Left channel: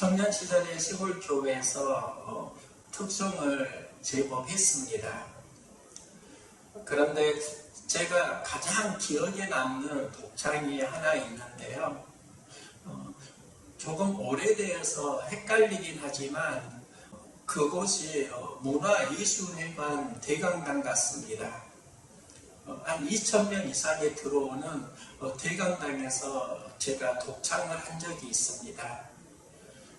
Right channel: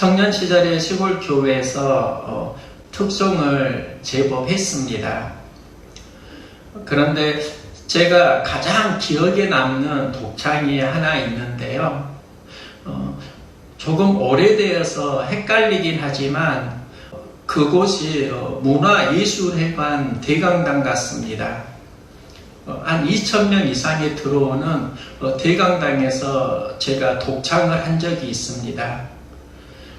청년 시절에 시골 교회에서 특송을 제법 했습니다. 그런데 제가 가장 기억에 남는 독창이 하나 있는데요. 조금 오래되어서 헷갈리긴 하지만 그곳이 문화예술회관 대강당 같습니다. 한 2,000명 이상이 들어오는 대강당에서 제가 독창을 한 적이 있습니다.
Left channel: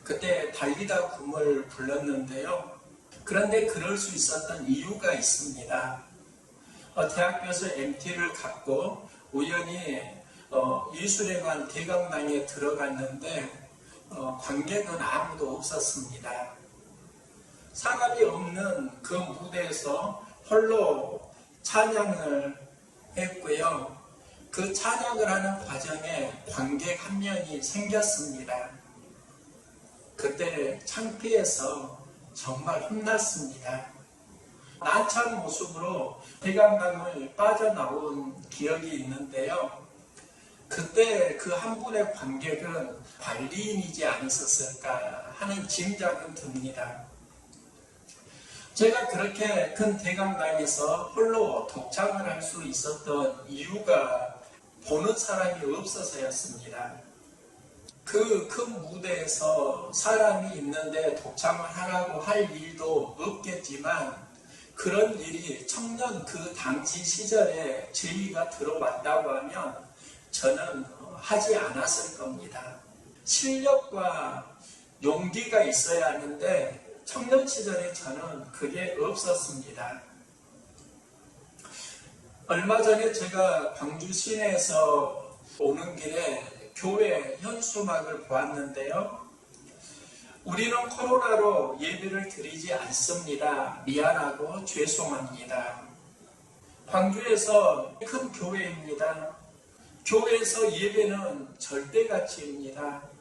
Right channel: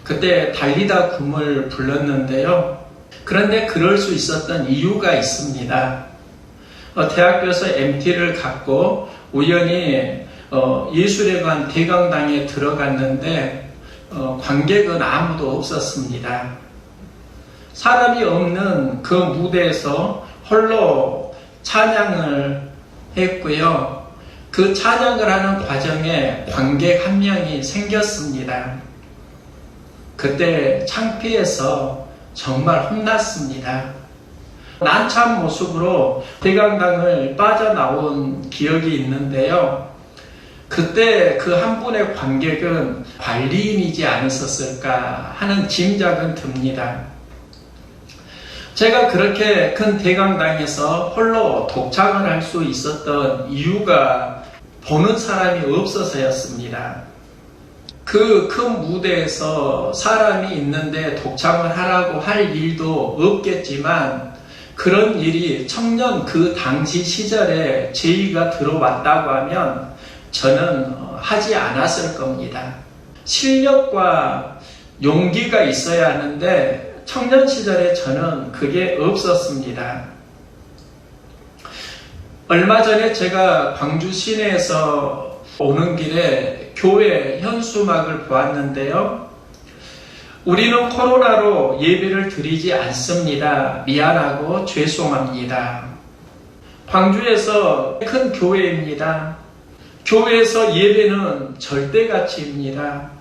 그때 달리다 굼을 불렀는데요. 그런데 그럴 수 있었던 이유가 있습니다. 대학교에서 MT를 갖고 우연히 예술회관 대강당에 들어갔는데 관객은 아무도 없었습니다. 사람이 없는 그 무대에서 홀로 찬양을 했고요. 그 찬양을 하는 과정에 관객 한 명이 생겼습니다. 그때 창피해서 정말 혼났습니다. 난처한 모습으로 대강당을 빠져나온 기억이 있는데요. 그때 그 한 분의 관객은 관리인이지 않았을까 하는 짐작은 듭니다. 제가 그렇게 큰 대강당에서 홀로 독창을 할 수 있었던 이유가 보는 사람이 없어서였습니다. 그 큰 무대에서 사람이 있는데 독창을 하라고 할 일도 없겠지만 그런 일이 청년 그 당시 시절에 제의가 들어왔다고 하면 저는 하지 않았을 겁니다. 실력과 용기가 있어야 하는데 청년 시절에 저는 그게 없었습니다. 얼마 전에 제가 광주 시내에서 오는 길에 교회 현수막을 보았는데요. 우리는 코로나로 예배를 드리지 않습니다. 미안하고 죄송합니다. 광주에서 큰 교회입니다. 교회에서 예배는 절대가치입니다.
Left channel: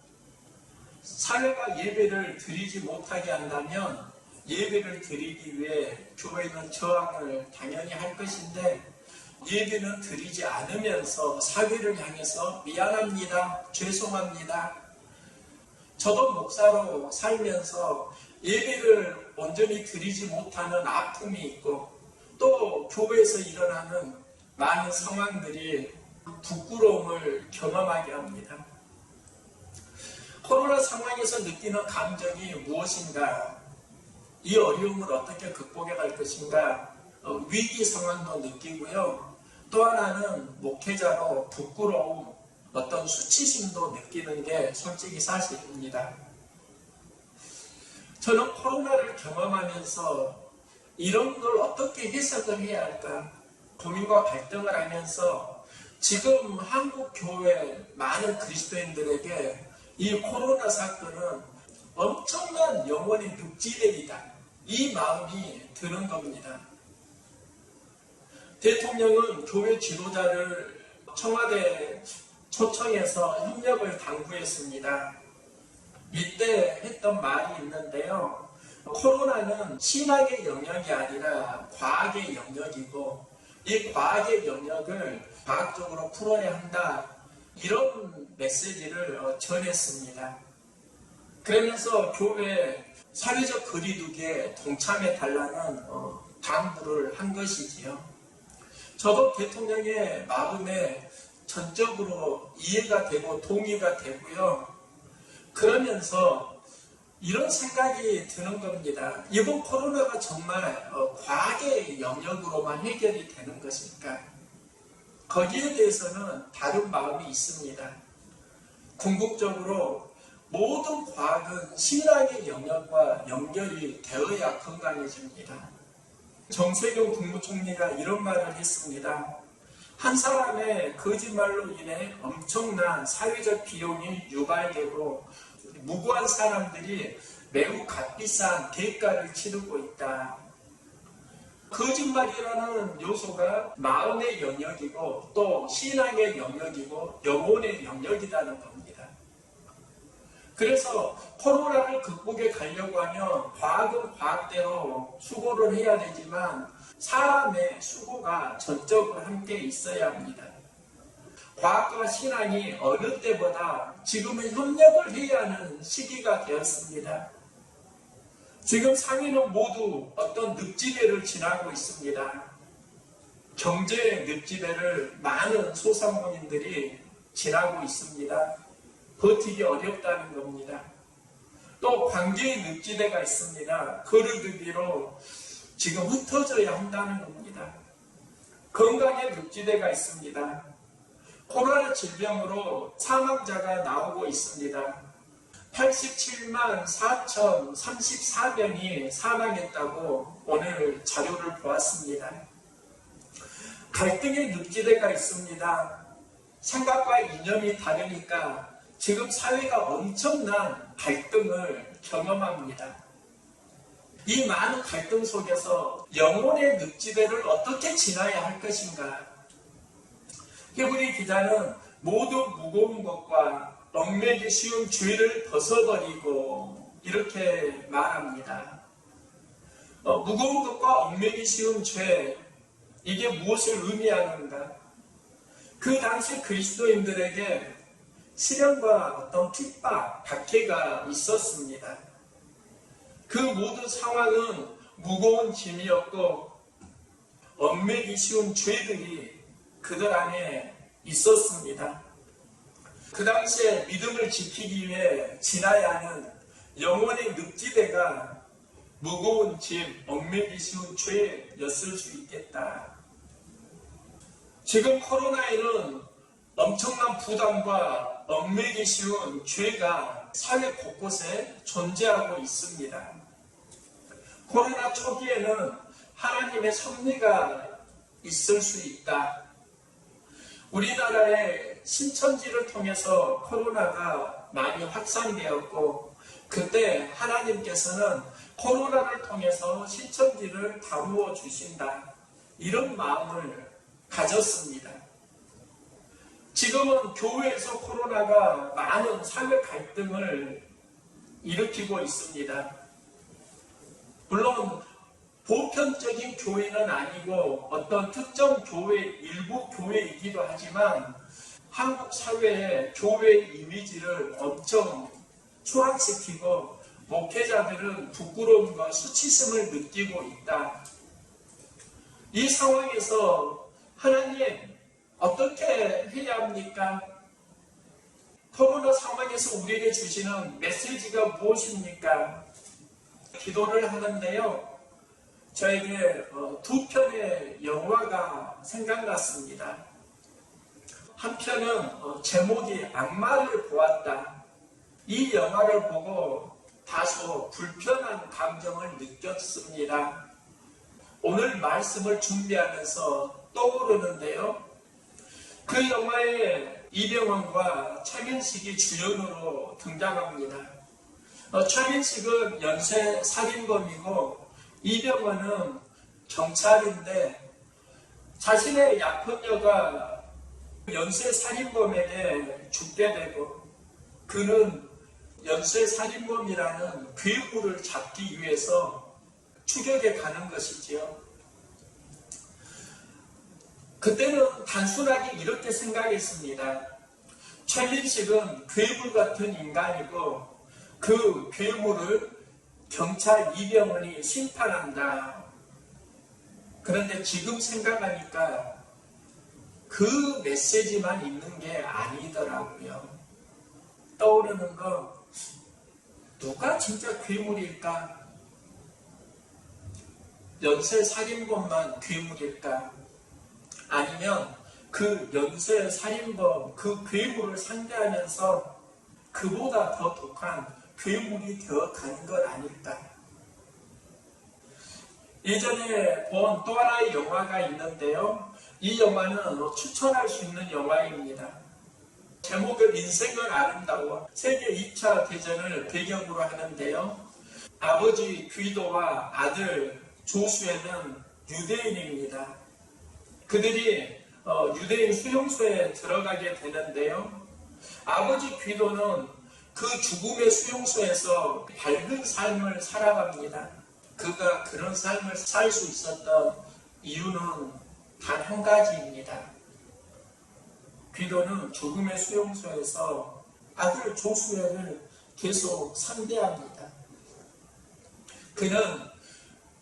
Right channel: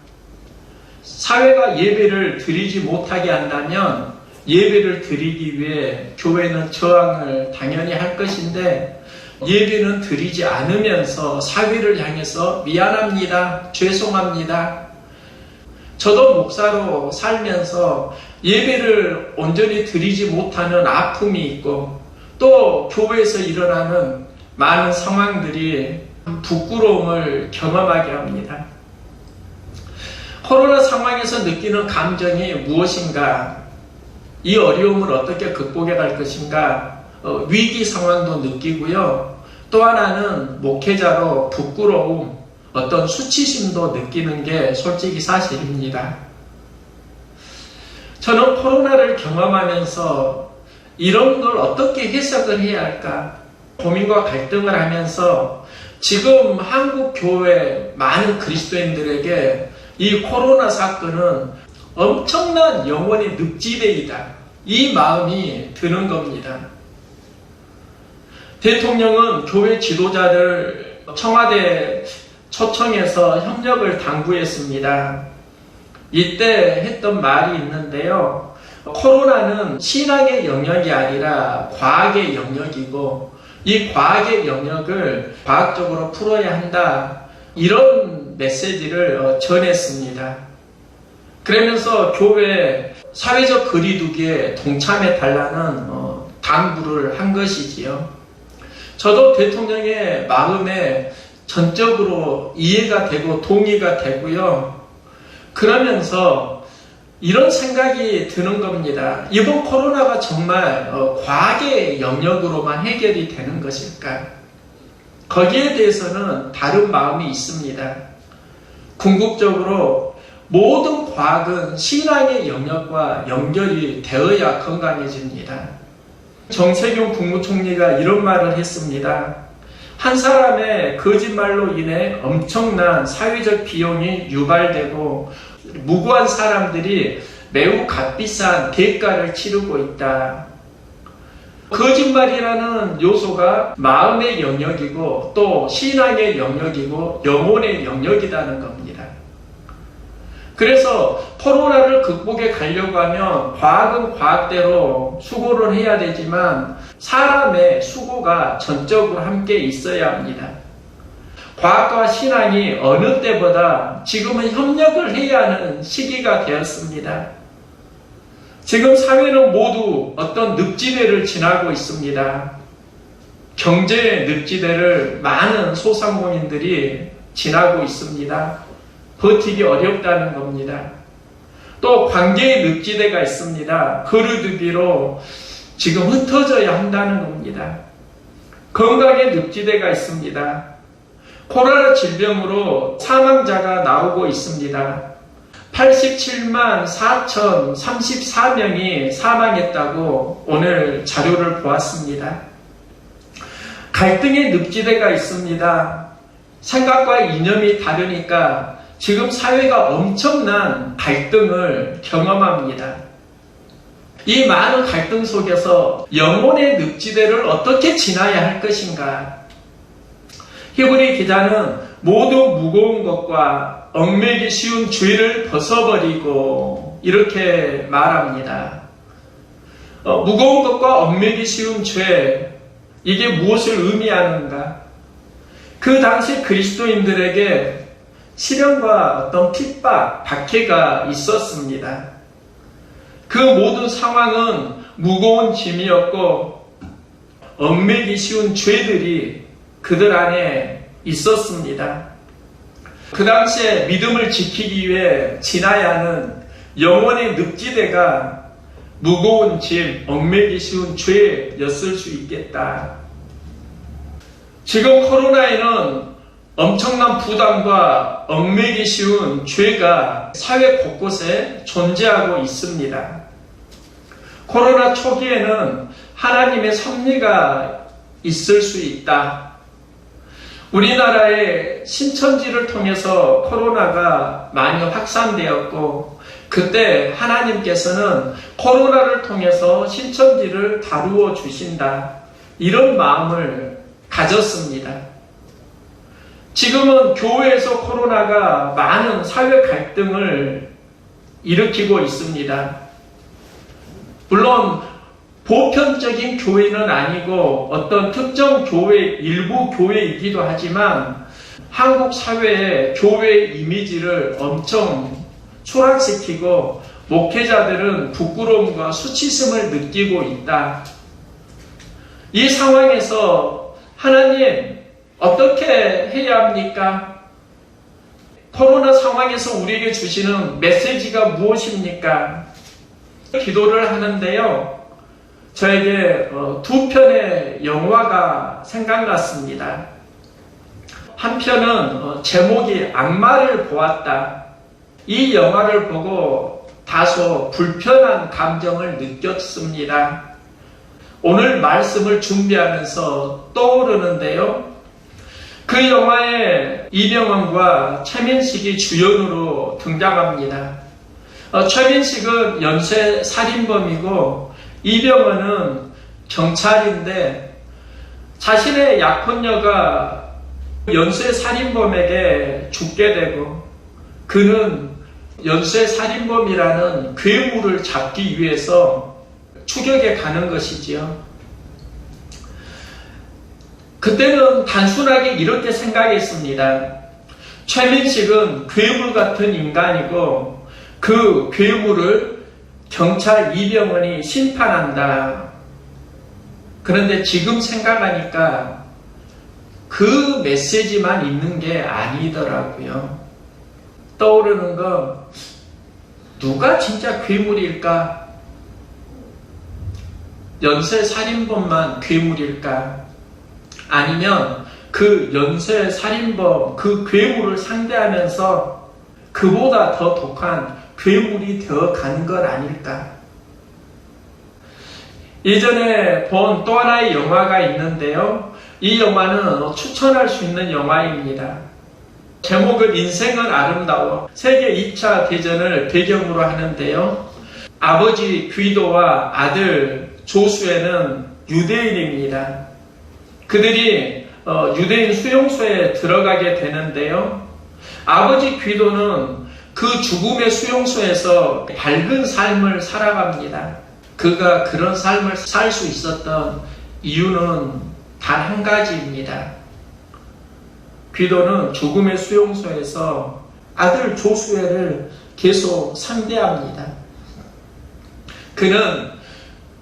사회가 예배를 드리지 못하게 한다면 예배를 드리기 위해 교회는 저항을 당연히 할 것인데 예배는 드리지 않으면서 사회를 향해서 미안합니다. 죄송합니다. 저도 목사로 살면서 예배를 온전히 드리지 못하는 아픔이 있고 또 교회에서 일어나는 많은 상황들이 부끄러움을 경험하게 합니다. 코로나 상황에서 느끼는 감정이 무엇인가? 이 어려움을 어떻게 극복해 갈 것인가? 위기 상황도 느끼고요. 또 하나는 목회자로 부끄러움, 어떤 수치심도 느끼는 게 솔직히 사실입니다. 저는 코로나를 경험하면서 이런 걸 어떻게 해석을 해야 할까? 고민과 갈등을 하면서 지금 한국 교회 많은 그리스도인들에게 이 코로나 사건은 엄청난 영혼의 늪지대이다. 이 마음이 드는 겁니다. 대통령은 교회 지도자를 청와대 초청해서 협력을 당부했습니다. 이때 했던 말이 있는데요. 코로나는 신앙의 영역이 아니라 과학의 영역이고 이 과학의 영역을 과학적으로 풀어야 한다. 이런 메시지를 전했습니다. 그러면서 교회 사회적 거리두기에 동참해 달라는 당부를 한 것이지요. 저도 대통령의 마음에 전적으로 이해가 되고 동의가 되고요. 그러면서 이런 생각이 드는 겁니다. 이번 코로나가 정말 과학의 영역으로만 해결이 되는 것일까? 거기에 대해서는 다른 마음이 있습니다. 궁극적으로 모든 과학은 신앙의 영역과 연결이 되어야 건강해집니다. 정세균 국무총리가 이런 말을 했습니다. 한 사람의 거짓말로 인해 엄청난 사회적 비용이 유발되고 무고한 사람들이 매우 값비싼 대가를 치르고 있다. 거짓말이라는 요소가 마음의 영역이고 또 신앙의 영역이고 영혼의 영역이라는 겁니다. 그래서 코로나를 극복해 가려고 하면 과학은 과학대로 수고를 해야 되지만 사람의 수고가 전적으로 함께 있어야 합니다. 과학과 신앙이 어느 때보다 지금은 협력을 해야 하는 시기가 되었습니다. 지금 사회는 모두 어떤 늪지대를 지나고 있습니다. 경제의 늪지대를 많은 소상공인들이 지나고 있습니다. 버티기 어렵다는 겁니다. 또 관계의 늪지대가 있습니다. 그루두기로 지금 흩어져야 한다는 겁니다. 건강의 늪지대가 있습니다. 코로나 질병으로 사망자가 나오고 있습니다. 87만 4,034명이 사망했다고 오늘 자료를 보았습니다. 갈등의 늪지대가 있습니다. 생각과 이념이 다르니까 지금 사회가 엄청난 갈등을 경험합니다. 이 많은 갈등 속에서 영혼의 늪지대를 어떻게 지나야 할 것인가? 히브리 기자는 모두 무거운 것과 얽매기 쉬운 죄를 벗어버리고 이렇게 말합니다. 무거운 것과 얽매기 쉬운 죄, 이게 무엇을 의미하는가? 그 당시 그리스도인들에게 시련과 어떤 핍박, 박해가 있었습니다. 그 모든 상황은 무거운 짐이었고 얽매기 쉬운 죄들이 그들 안에 있었습니다. 그 당시에 믿음을 지키기 위해 지나야 하는 영혼의 늪지대가 무거운 짐, 얽매기 쉬운 죄였을 수 있겠다. 지금 코로나에는 엄청난 부담과 얽매기 쉬운 죄가 사회 곳곳에 존재하고 있습니다. 코로나 초기에는 하나님의 섭리가 있을 수 있다. 우리나라의 신천지를 통해서 코로나가 많이 확산되었고 그때 하나님께서는 코로나를 통해서 신천지를 다루어 주신다. 이런 마음을 가졌습니다. 지금은 교회에서 코로나가 많은 사회 갈등을 일으키고 있습니다. 물론 보편적인 교회는 아니고 어떤 특정 교회, 일부 교회이기도 하지만 한국 사회의 교회의 이미지를 엄청 추락시키고 목회자들은 부끄러움과 수치심을 느끼고 있다. 이 상황에서 하나님 어떻게 해야 합니까? 코로나 상황에서 우리에게 주시는 메시지가 무엇입니까? 기도를 하는데요. 저에게 두 편의 영화가 생각났습니다. 한 편은 제목이 악마를 보았다. 이 영화를 보고 다소 불편한 감정을 느꼈습니다. 오늘 말씀을 준비하면서 떠오르는데요. 그 영화에 이병헌과 최민식이 주연으로 등장합니다. 최민식은 연쇄 살인범이고 이병헌은 경찰인데 자신의 약혼녀가 연쇄 살인범에게 죽게 되고 그는 연쇄 살인범이라는 괴물을 잡기 위해서 추격에 가는 것이지요. 그때는 단순하게 이렇게 생각했습니다. 최민식은 괴물 같은 인간이고 그 괴물을 경찰 이병헌이 심판한다. 그런데 지금 생각하니까 그 메시지만 있는 게 아니더라고요. 떠오르는 거 누가 진짜 괴물일까? 연쇄 살인범만 괴물일까? 아니면 그 연쇄 살인범, 그 괴물을 상대하면서 그보다 더 독한 괴물이 되어가는 것 아닐까? 예전에 본 또 하나의 영화가 있는데요. 이 영화는 추천할 수 있는 영화입니다. 제목은 인생은 아름다워. 세계 2차 대전을 배경으로 하는데요. 아버지 귀도와 아들 조수에는 유대인입니다. 그들이 유대인 수용소에 들어가게 되는데요. 아버지 귀도는 그 죽음의 수용소에서 밝은 삶을 살아갑니다. 그가 그런 삶을 살 수 있었던 이유는 단 한 가지입니다. 귀도는 죽음의 수용소에서 아들 조수애를 계속 상대합니다. 그는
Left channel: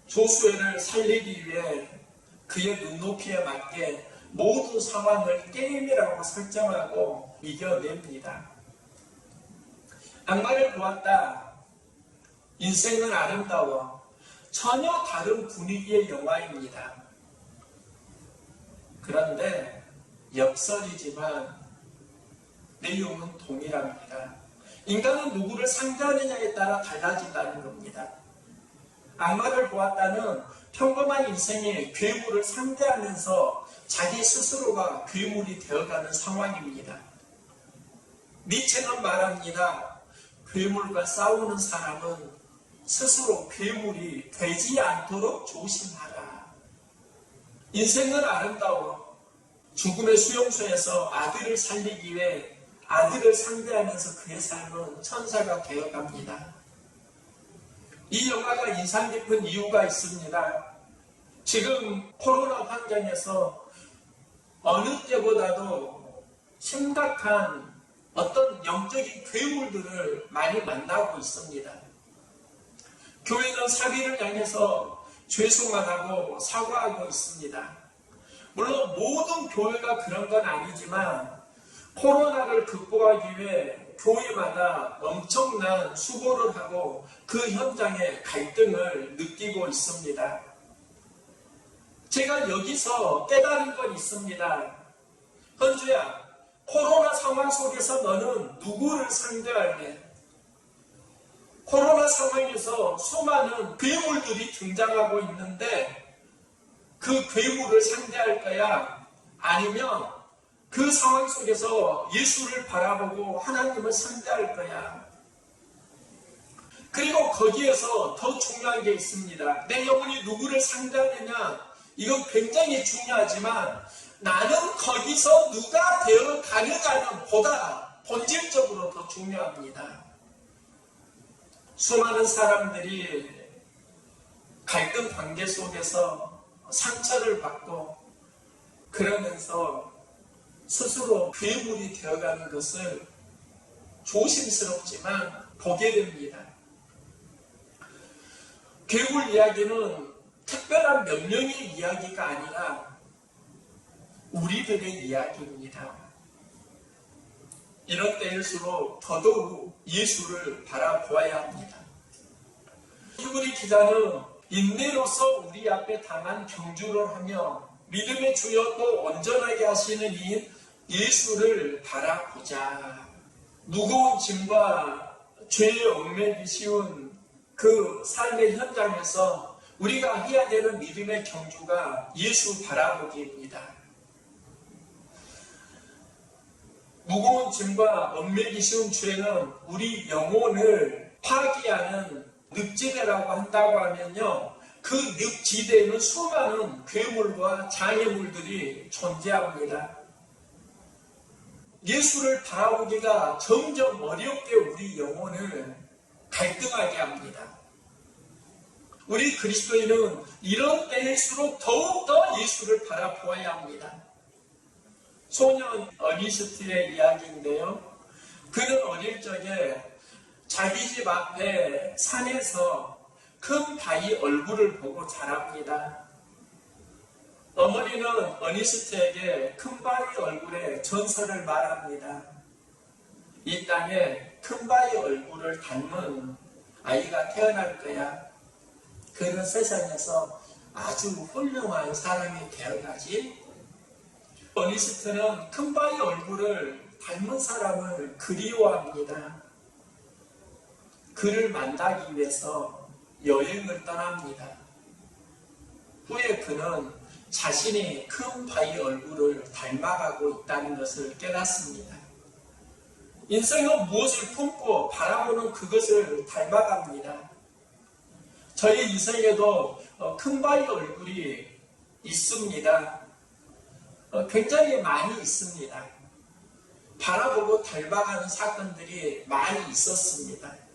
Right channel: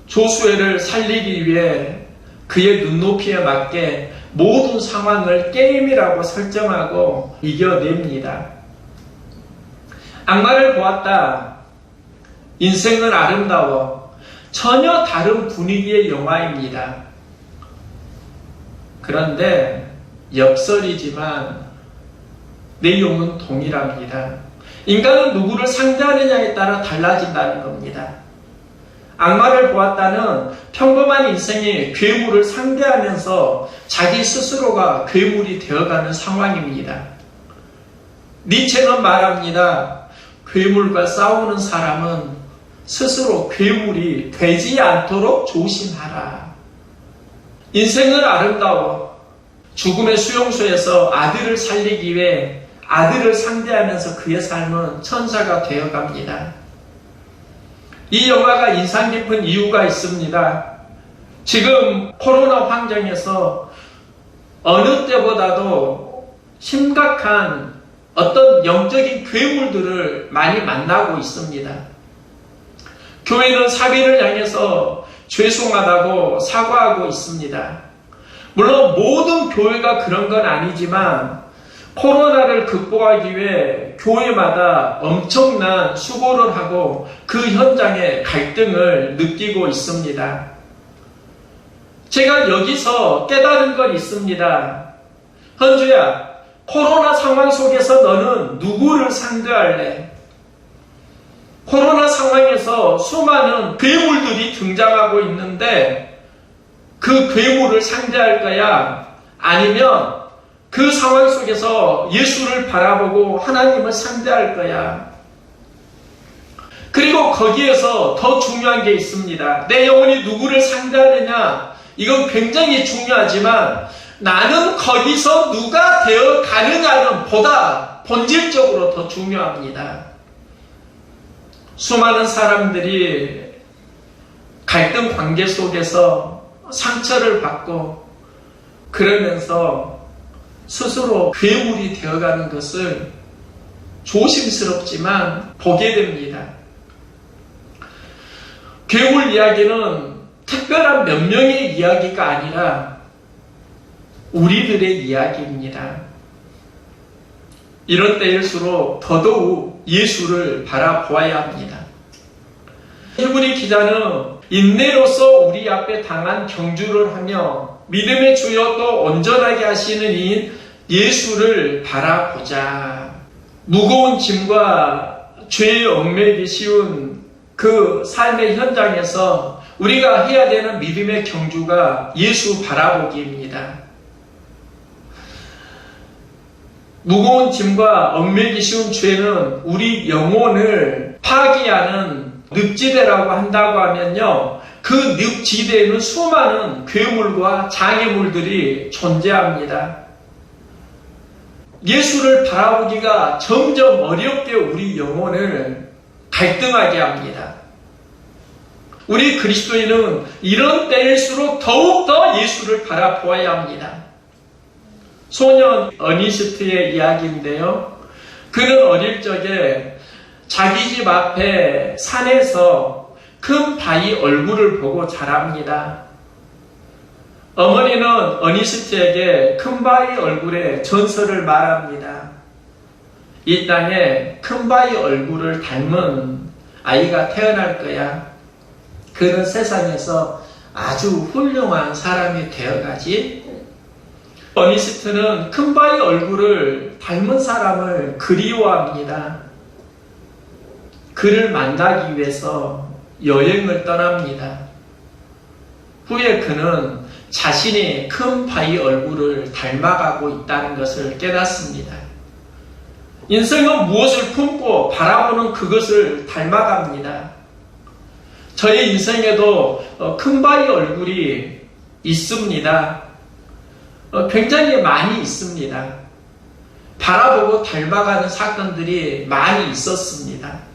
조수애를 살리기 위해 그의 눈높이에 맞게 모든 상황을 게임이라고 설정하고 이겨냅니다. 악마를 보았다. 인생은 아름다워. 전혀 다른 분위기의 영화입니다. 그런데 역설이지만 내용은 동일합니다. 인간은 누구를 상대하느냐에 따라 달라진다는 겁니다. 악마를 보았다는 평범한 인생이 괴물을 상대하면서 자기 스스로가 괴물이 되어가는 상황입니다. 니체는 말합니다. 괴물과 싸우는 사람은 스스로 괴물이 되지 않도록 조심하라. 인생은 아름다워. 죽음의 수용소에서 아들을 살리기 위해 아들을 상대하면서 그의 삶은 천사가 되어갑니다. 이 영화가 인상 깊은 이유가 있습니다. 지금 코로나 환경에서 어느 때보다도 심각한 어떤 영적인 괴물들을 많이 만나고 있습니다. 교회는 사비를 향해서 죄송하다고 사과하고 있습니다. 물론 모든 교회가 그런 건 아니지만 코로나를 극복하기 위해 교회마다 엄청난 수고를 하고 그 현장의 갈등을 느끼고 있습니다. 제가 여기서 깨달은 건 있습니다. 헌주야, 코로나 상황 속에서 너는 누구를 상대할래? 코로나 상황에서 수많은 괴물들이 등장하고 있는데 그 괴물을 상대할 거야? 아니면 그 상황 속에서 예수를 바라보고 하나님을 상대할 거야? 그리고 거기에서 더 중요한 게 있습니다. 내 영혼이 누구를 상대하느냐? 이건 굉장히 중요하지만 나는 거기서 누가 되어 가느냐는 보다 본질적으로 더 중요합니다. 수많은 사람들이 갈등 관계 속에서 상처를 받고 그러면서 스스로 괴물이 되어가는 것을 조심스럽지만 보게 됩니다. 괴물 이야기는 특별한 몇 명의 이야기가 아니라 우리들의 이야기입니다. 이런 때일수록 더더욱 예수를 바라보아야 합니다. 히브리 기자는 인내로서 우리 앞에 당한 경주를 하며 믿음의 주여 또 온전하게 하시는 이인 예수를 바라보자. 무거운 짐과 죄에 얽매기 쉬운 그 삶의 현장에서 우리가 해야 되는 믿음의 경주가 예수 바라보기입니다. 무거운 짐과 얽매기 쉬운 죄는 우리 영혼을 파괴하는 늪지대라고 한다고 하면요, 그 늪지대에는 수많은 괴물과 장애물들이 존재합니다. 예수를 바라보기가 점점 어렵게 우리 영혼을 갈등하게 합니다. 우리 그리스도인은 이런 때일수록 더욱더 예수를 바라보아야 합니다. 소년 어니스트의 이야기인데요. 그는 어릴 적에 자기 집 앞에 산에서 큰 바위 얼굴을 보고 자랍니다. 어머니는 어니스트에게 큰 바위 얼굴의 전설을 말합니다. 이 땅에 큰 바위 얼굴을 닮은 아이가 태어날 거야. 그는 세상에서 아주 훌륭한 사람이 되어가지. 어니스트는 큰 바위 얼굴을 닮은 사람을 그리워합니다. 그를 만나기 위해서 여행을 떠납니다. 후에 그는 자신이 큰 바위 얼굴을 닮아가고 있다는 것을 깨닫습니다. 인생은 무엇을 품고 바라보는 그것을 닮아갑니다. 저의 인생에도 큰 바위 얼굴이 있습니다. 굉장히 많이 있습니다. 바라보고 닮아가는 사건들이 많이 있었습니다.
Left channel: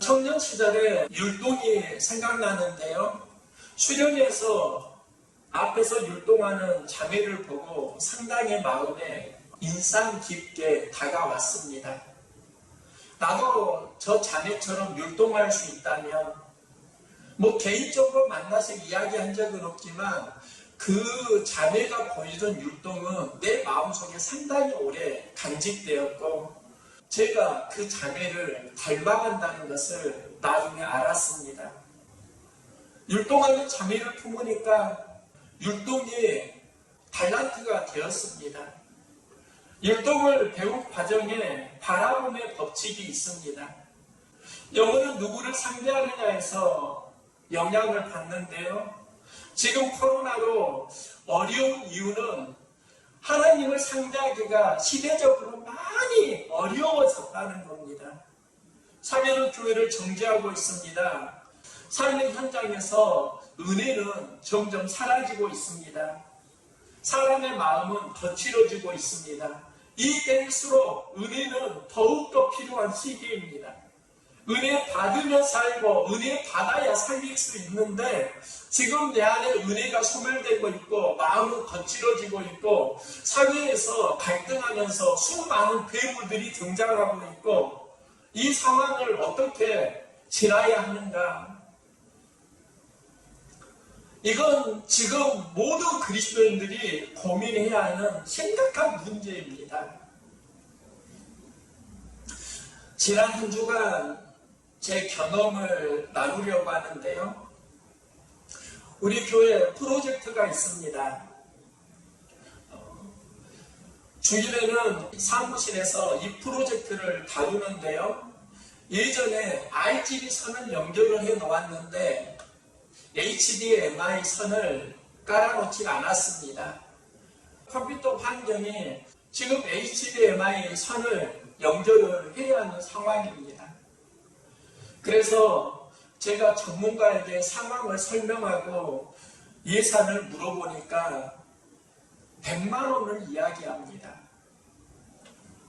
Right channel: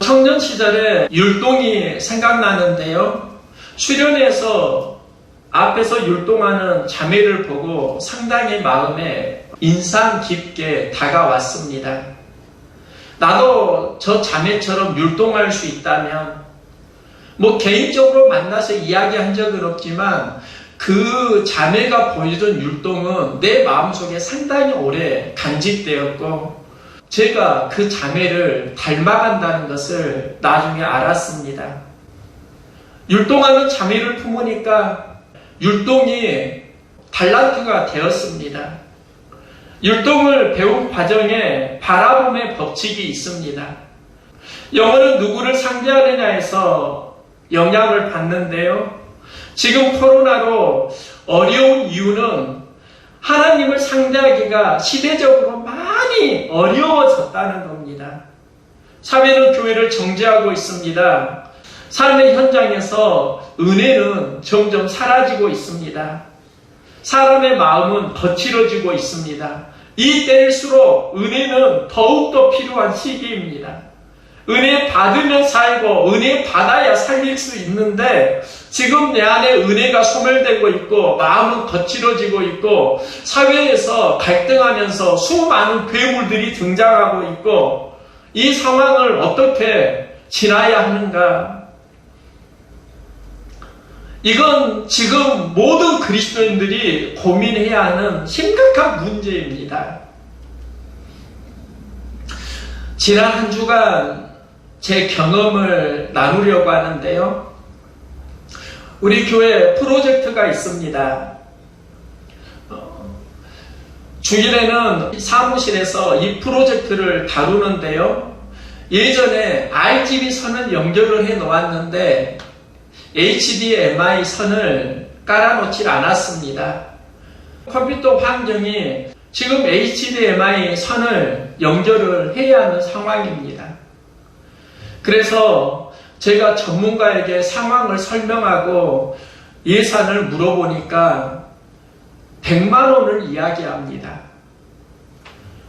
청년 시절에 율동이 생각나는데요. 수련회에서 앞에서 율동하는 자매를 보고 상당히 마음에 인상 깊게 다가왔습니다. 나도 저 자매처럼 율동할 수 있다면, 개인적으로 만나서 이야기한 적은 없지만 그 자매가 보여준 율동은 내 마음속에 상당히 오래 간직되었고, 제가 그 자매를 닮아간다는 것을 나중에 알았습니다. 율동하는 자매를 품으니까 율동이 달란트가 되었습니다. 율동을 배운 과정에 바라봄의 법칙이 있습니다. 영어는 누구를 상대하느냐에서 영향을 받는데요. 지금 코로나로 어려운 이유는 하나님을 상대하기가 시대적으로 많이 어려워졌다는 겁니다. 사회는 교회를 정죄하고 있습니다. 삶의 현장에서 은혜는 점점 사라지고 있습니다. 사람의 마음은 거칠어지고 있습니다. 이 때일수록 은혜는 더욱더 필요한 시기입니다. 은혜 받으면 살고 은혜 받아야 살릴 수 있는데, 지금 내 안에 은혜가 소멸되고 있고 마음은 거칠어지고 있고 사회에서 갈등하면서 수많은 괴물들이 등장하고 있고, 이 상황을 어떻게 지나야 하는가? 이건 지금 모든 그리스도인들이 고민해야 하는 심각한 문제입니다. 지난 한 주간 제 경험을 나누려고 하는데요. 우리 교회 프로젝트가 있습니다. 주일에는 사무실에서 이 프로젝트를 다루는데요. 예전에 RGB 선을 연결을 해 놓았는데 HDMI 선을 깔아놓지 않았습니다. 컴퓨터 환경이 지금 HDMI 선을 연결을 해야 하는 상황입니다. 그래서 제가 전문가에게 상황을 설명하고 예산을 물어보니까 100만 원을 이야기합니다.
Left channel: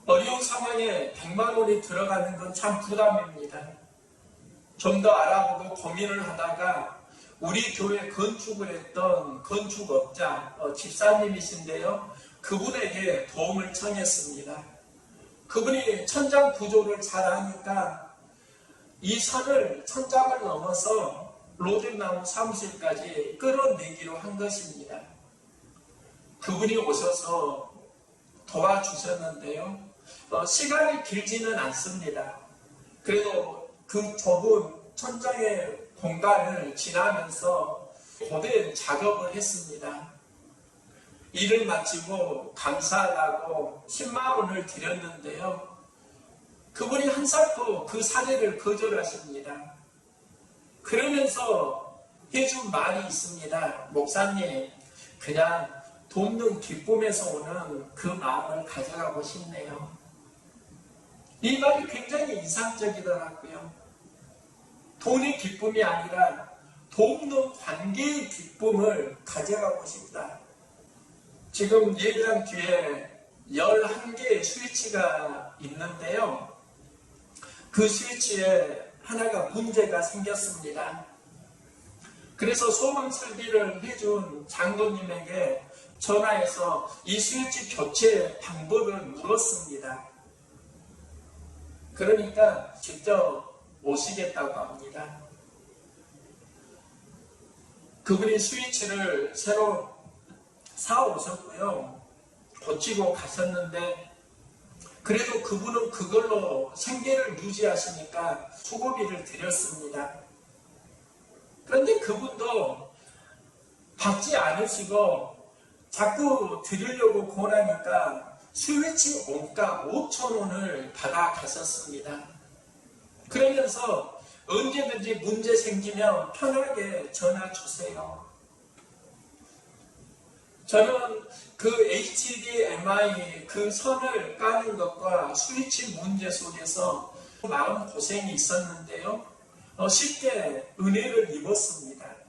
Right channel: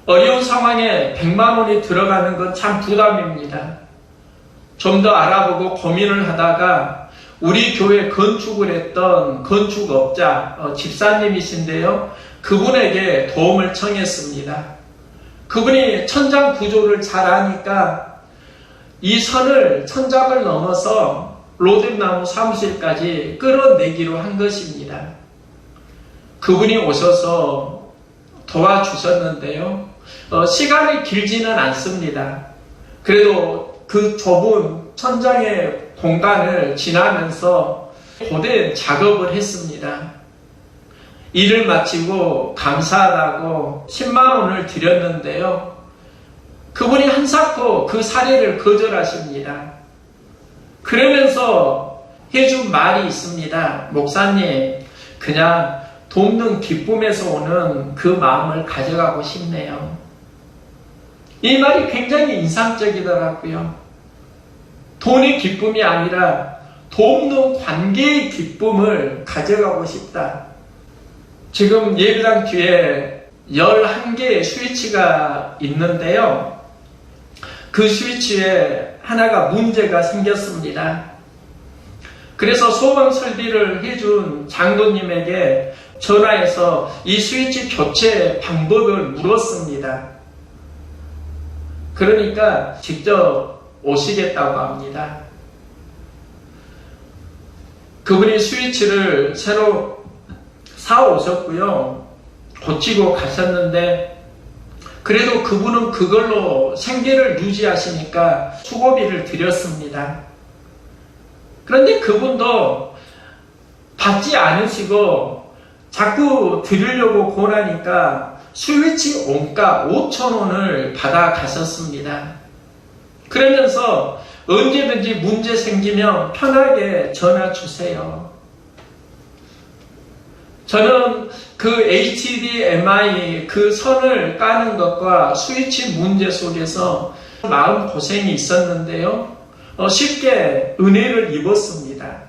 어려운 상황에 100만 원이 들어가는 건 참 부담입니다. 좀 더 알아보고 고민을 하다가 우리 교회 건축을 했던 건축업자 집사님이신데요. 그분에게 도움을 청했습니다. 그분이 천장 구조를 잘 아니까 이 선을 천장을 넘어서 로뎀나무 사무실까지 끌어내기로 한 것입니다. 그분이 오셔서 도와주셨는데요. 시간이 길지는 않습니다. 그래도 그 좁은 천장의 공간을 지나면서 고된 작업을 했습니다. 일을 마치고 감사하다고 10만 원을 드렸는데요. 그분이 한사코 그 사례를 거절하십니다. 그러면서 해준 말이 있습니다. 목사님, 그냥 돕는 기쁨에서 오는 그 마음을 가져가고 싶네요. 이 말이 굉장히 인상적이더라고요. 돈의 기쁨이 아니라 돕는 관계의 기쁨을 가져가고 싶다. 지금 예배당 뒤에 11개의 스위치가 있는데요. 그 스위치에 하나가 문제가 생겼습니다. 그래서 소방 설비를 해준 장로님에게 전화해서 이 스위치 교체 방법을 물었습니다. 그러니까 직접 오시겠다고 합니다. 그분이 스위치를 새로 사오셨고요. 고치고 가셨는데, 그래도 그분은 그걸로 생계를 유지하시니까 수고비를 드렸습니다. 그런데 그분도 받지 않으시고 자꾸 드리려고 권하니까 스위치 원가 5,000원을 받아 가셨습니다. 그러면서 언제든지 문제 생기면 편하게 전화 주세요. 저는 그 HDMI 그 선을 까는 것과 스위치 문제 속에서 마음고생이 있었는데요. 쉽게 은혜를 입었습니다.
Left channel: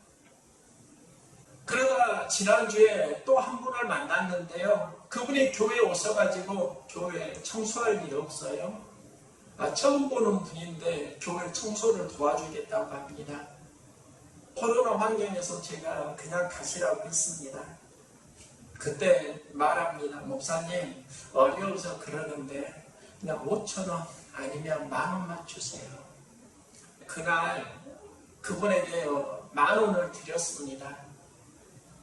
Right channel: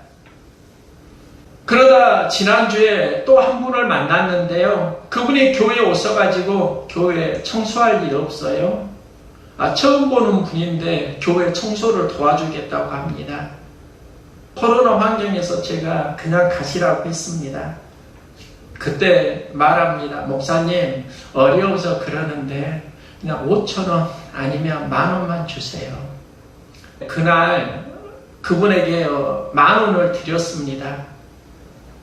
그러다 지난주에 또 한 분을 만났는데요. 그분이 교회에 오셔가지고 교회 청소할 일 없어요? 처음 보는 분인데 교회 청소를 도와주겠다고 합니다. 코로나 환경에서 제가 그냥 가시라고 했습니다. 그때 말합니다. 목사님, 어려워서 그러는데 그냥 5,000원 아니면 10,000원만 주세요. 그날 그분에게 10,000원을 드렸습니다.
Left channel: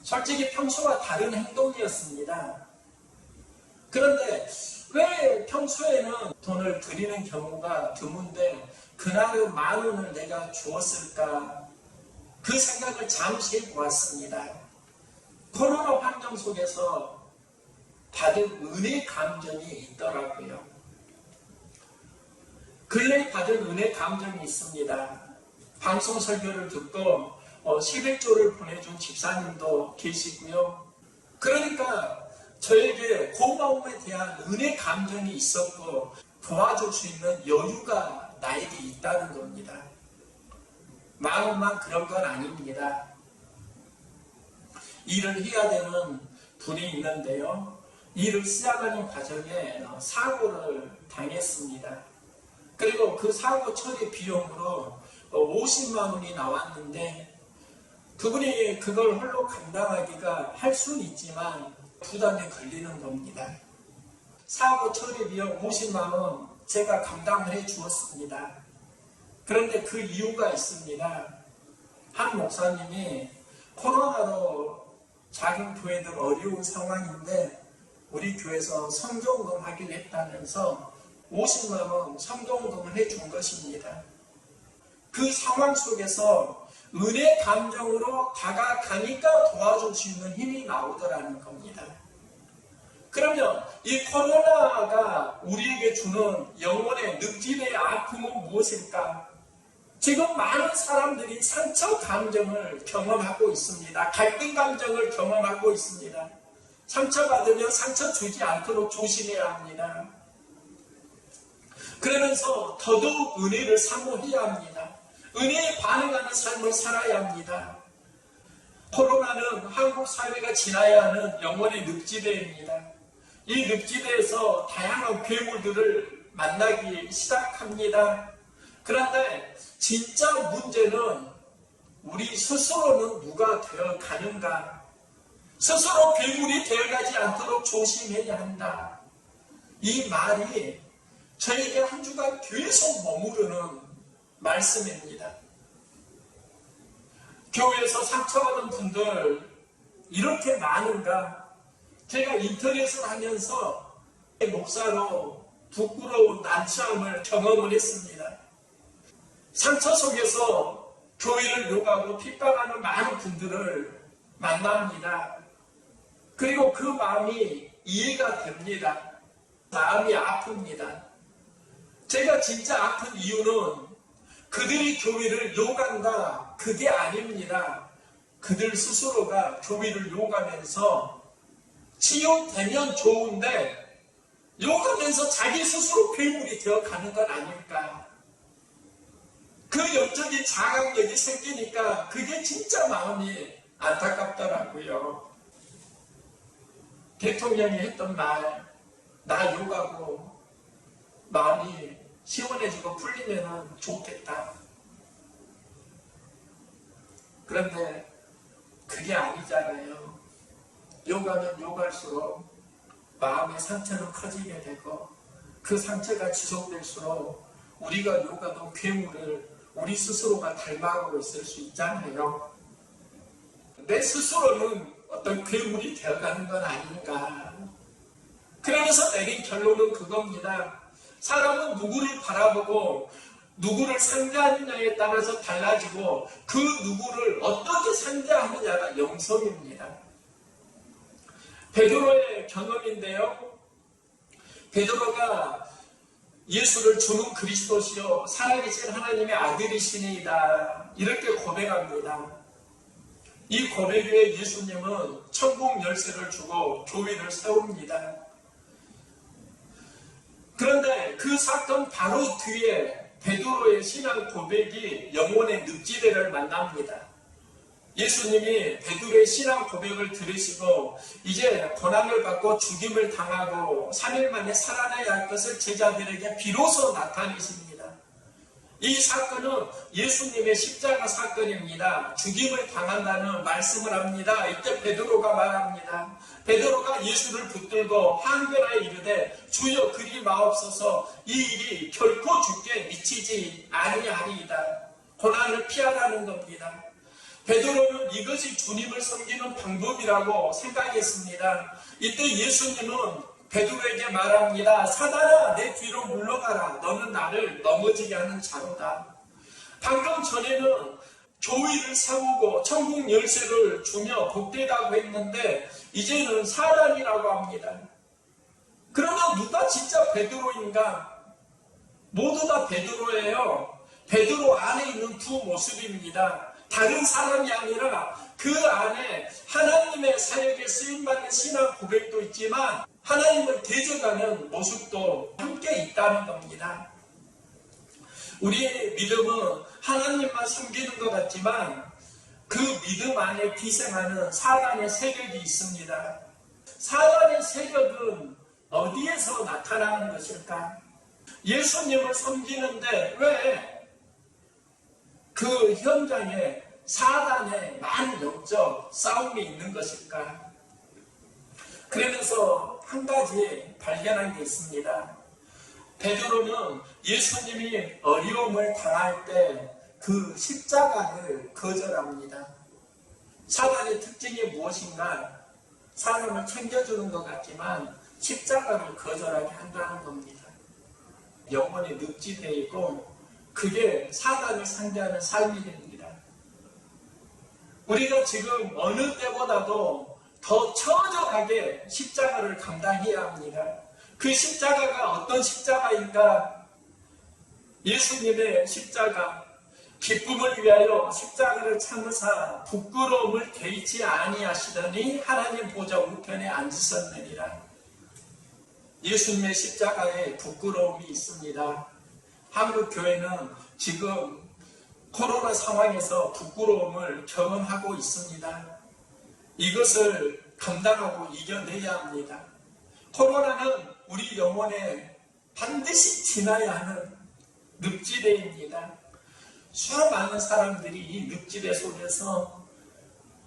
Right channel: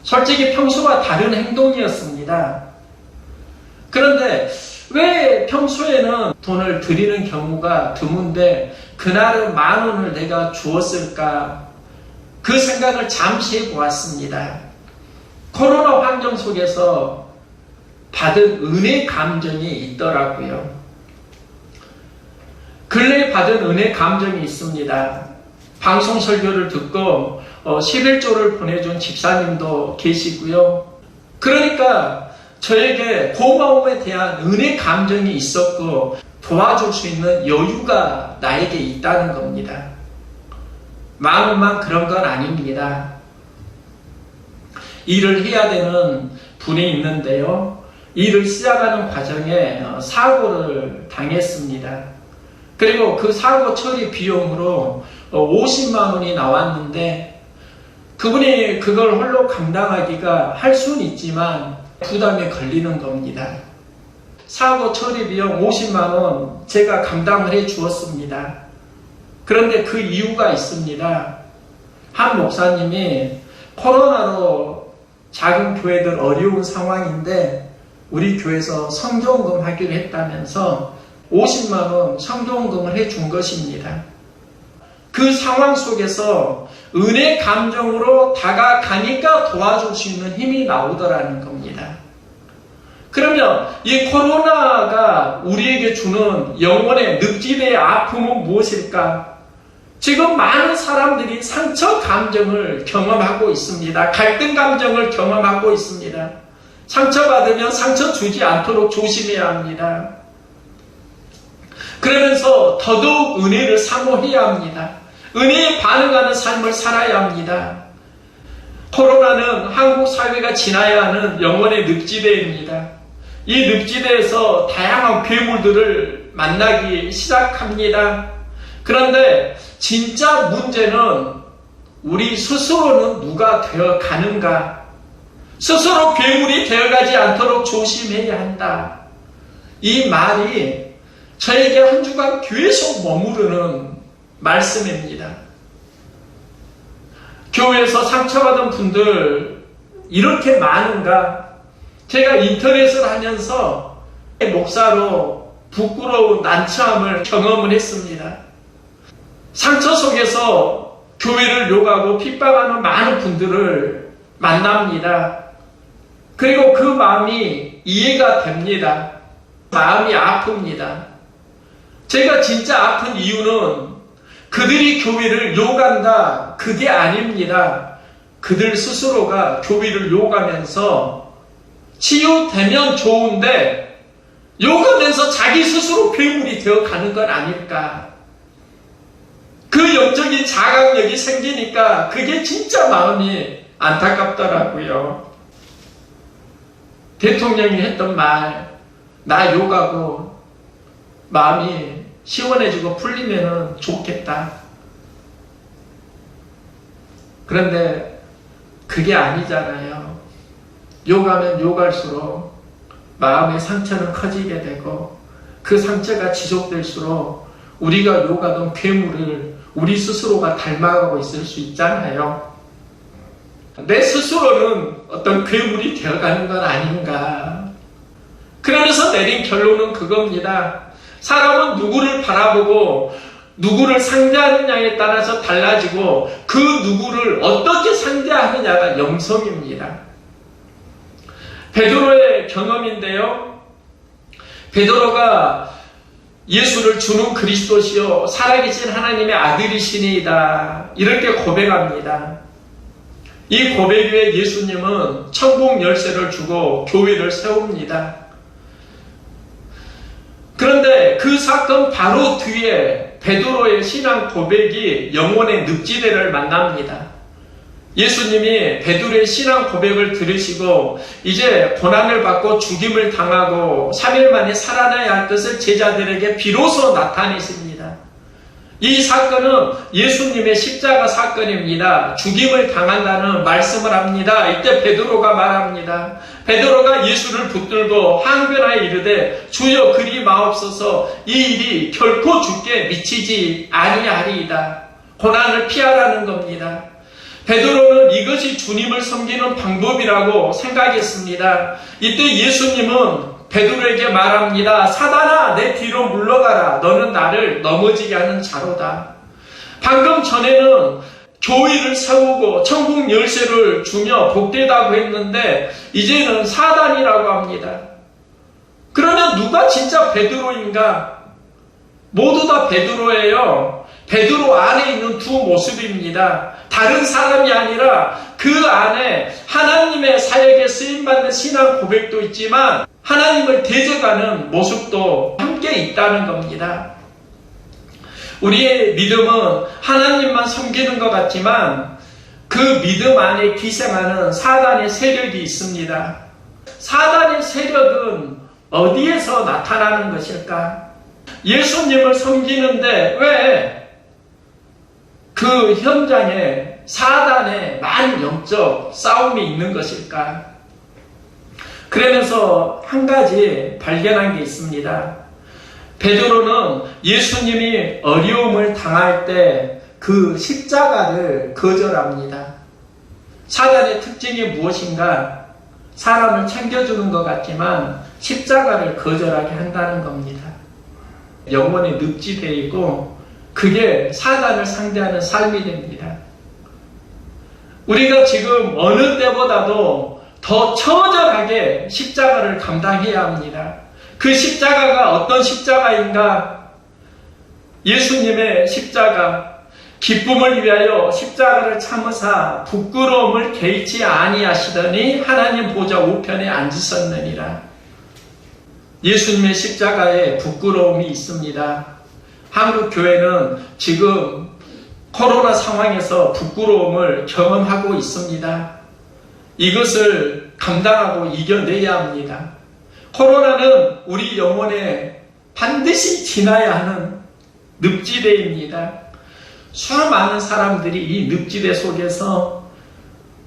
솔직히 평소와 다른 행동이었습니다. 그런데 왜 평소에는 돈을 드리는 경우가 드문데 그날은 10,000원을 내가 주었을까? 그 생각을 잠시 해보았습니다. 코로나 환경 속에서 받은 은혜 감정이 있더라고요. 근래에 받은 은혜 감정이 있습니다. 방송 설교를 듣고 11조를 보내준 집사님도 계시고요. 그러니까 저에게 고마움에 대한 은혜 감정이 있었고 도와줄 수 있는 여유가 나에게 있다는 겁니다. 마음만 그런 건 아닙니다. 일을 해야 되는 분이 있는데요. 일을 시작하는 과정에 사고를 당했습니다. 그리고 그 사고 처리 비용으로 50만 원이 나왔는데 그분이 그걸 홀로 감당하기가 할 수는 있지만 부담이 걸리는 겁니다. 사고 처리 비용 50만 원 제가 감당을 해 주었습니다. 그런데 그 이유가 있습니다. 한 목사님이 코로나로 작은 교회들 어려운 상황인데 우리 교회에서 성교원금 하기로 했다면서 50만 원 성교원금을 해준 것입니다. 그 상황 속에서 은혜 감정으로 다가가니까 도와줄 수 있는 힘이 나오더라는 겁니다. 그러면 이 코로나가 우리에게 주는 영혼의 늪지대의 아픔은 무엇일까? 지금 많은 사람들이 상처 감정을 경험하고 있습니다. 갈등 감정을 경험하고 있습니다. 상처받으면 상처 주지 않도록 조심해야 합니다. 그러면서 더더욱 은혜를 사모해야 합니다. 은혜에 반응하는 삶을 살아야 합니다. 코로나는 한국 사회가 지나야 하는 영혼의 늪지대입니다. 이 늪지대에서 다양한 괴물들을 만나기 시작합니다. 그런데 진짜 문제는 우리 스스로는 누가 되어 가는가? 스스로 괴물이 되어가지 않도록 조심해야 한다. 이 말이 저에게 한 주간 계속 머무르는 말씀입니다. 교회에서 상처받은 분들 이렇게 많은가? 제가 인터넷을 하면서 목사로 부끄러운 난처함을 경험을 했습니다. 상처 속에서 교회를 욕하고 핍박하는 많은 분들을 만납니다. 그리고 그 마음이 이해가 됩니다. 마음이 아픕니다. 제가 진짜 아픈 이유는 그들이 교회를 욕한다, 그게 아닙니다. 그들 스스로가 교회를 욕하면서 치유되면 좋은데 욕하면서 자기 스스로 괴물이 되어가는 건 아닐까. 그 영적인 자각력이 생기니까 그게 진짜 마음이 안타깝더라고요. 대통령이 했던 말, 나 욕하고 마음이 시원해지고 풀리면 좋겠다. 그런데 그게 아니잖아요. 욕하면 욕할수록 마음의 상처는 커지게 되고 그 상처가 지속될수록 우리가 욕하던 괴물을 우리 스스로가 닮아가고 있을 수 있잖아요. 내 스스로는 어떤 괴물이 되어가는 건 아닌가. 그러면서 내린 결론은 그겁니다. 사람은 누구를 바라보고 누구를 상대하느냐에 따라서 달라지고 그 누구를 어떻게 상대하느냐가 영성입니다. 베드로의 경험인데요. 베드로가 예수를 주는 그리스도시요 살아계신 하나님의 아들이시니이다 이렇게 고백합니다. 이 고백 위에 예수님은 천국 열쇠를 주고 교회를 세웁니다. 그런데 그 사건 바로 뒤에 베드로의 신앙 고백이 영혼의 늪지대를 만납니다. 예수님이 베드로의 신앙 고백을 들으시고 이제 고난을 받고 죽임을 당하고 3일 만에 살아나야 할 것을 제자들에게 비로소 나타내십니다. 이 사건은 예수님의 십자가 사건입니다. 죽임을 당한다는 말씀을 합니다. 이때 베드로가 말합니다. 베드로가 예수를 붙들고 항변하여 이르되 주여 그리 마옵소서, 이 일이 결코 주께 미치지 아니하리이다. 고난을 피하라는 겁니다. 베드로는 이것이 주님을 섬기는 방법이라고 생각했습니다. 이때 예수님은 베드로에게 말합니다. 사단아, 내 뒤로 물러가라. 너는 나를 넘어지게 하는 자로다. 방금 전에는 교회를 세우고 천국 열쇠를 주며 복되다고 했는데 이제는 사단이라고 합니다. 그러면 누가 진짜 베드로인가? 모두 다 베드로예요. 베드로 안에 있는 두 모습입니다. 다른 사람이 아니라 그 안에 하나님의 사역에 쓰임받는 신앙 고백도 있지만 하나님을 대적하는 모습도 함께 있다는 겁니다. 우리의 믿음은 하나님만 섬기는 것 같지만 그 믿음 안에 기생하는 사단의 세력이 있습니다. 사단의 세력은 어디에서 나타나는 것일까? 예수님을 섬기는데 왜 그 현장에 사단의 만영적 싸움이 있는 것일까? 그러면서 한 가지 발견한 게 있습니다. 베드로는 예수님이 어려움을 당할 때 그 십자가를 거절합니다. 사단의 특징이 무엇인가? 사람을 챙겨주는 것 같지만 십자가를 거절하게 한다는 겁니다. 영혼의 늪지대이고 그게 사단을 상대하는 삶이 됩니다. 우리가 지금 어느 때보다도 더 처절하게 십자가를 감당해야 합니다. 그 십자가가 어떤 십자가인가? 예수님의 십자가, 기쁨을 위하여 십자가를 참으사 부끄러움을 개의치 아니하시더니 하나님 보좌 우편에 앉으셨느니라. 예수님의 십자가에 부끄러움이 있습니다. 한국 교회는 지금 코로나 상황에서 부끄러움을 경험하고 있습니다. 이것을 감당하고 이겨내야 합니다. 코로나는 우리 영혼에 반드시 지나야 하는 늪지대입니다. 수많은 사람들이 이 늪지대 속에서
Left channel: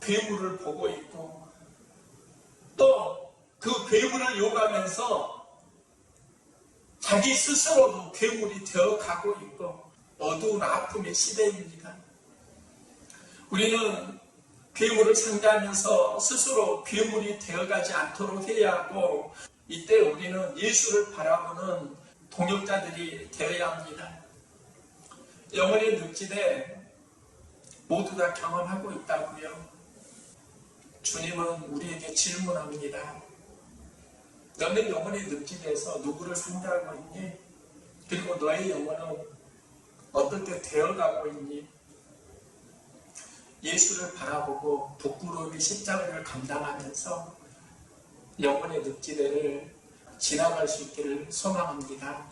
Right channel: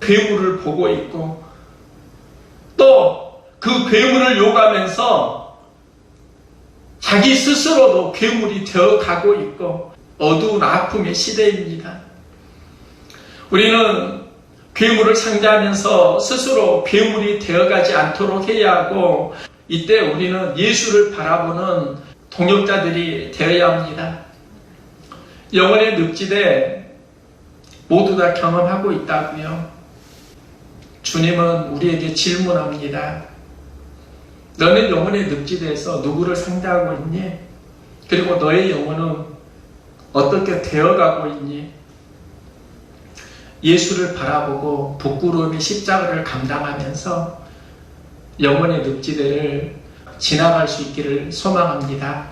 괴물을 보고 있고 또 그 괴물을 욕하면서 자기 스스로도 괴물이 되어가고 있고 어두운 아픔의 시대입니다. 우리는 괴물을 상대하면서 스스로 괴물이 되어가지 않도록 해야 하고 이때 우리는 예수를 바라보는 동역자들이 되어야 합니다. 영혼의 늪지대 모두 다 경험하고 있다고요. 주님은 우리에게 질문합니다. 너는 영혼의 늪지대에서 누구를 상대하고 있니? 그리고 너의 영혼은 어떻게 되어가고 있니? 예수를 바라보고 부끄러움의 십자가를 감당하면서 영혼의 늪지대를 지나갈 수 있기를 소망합니다.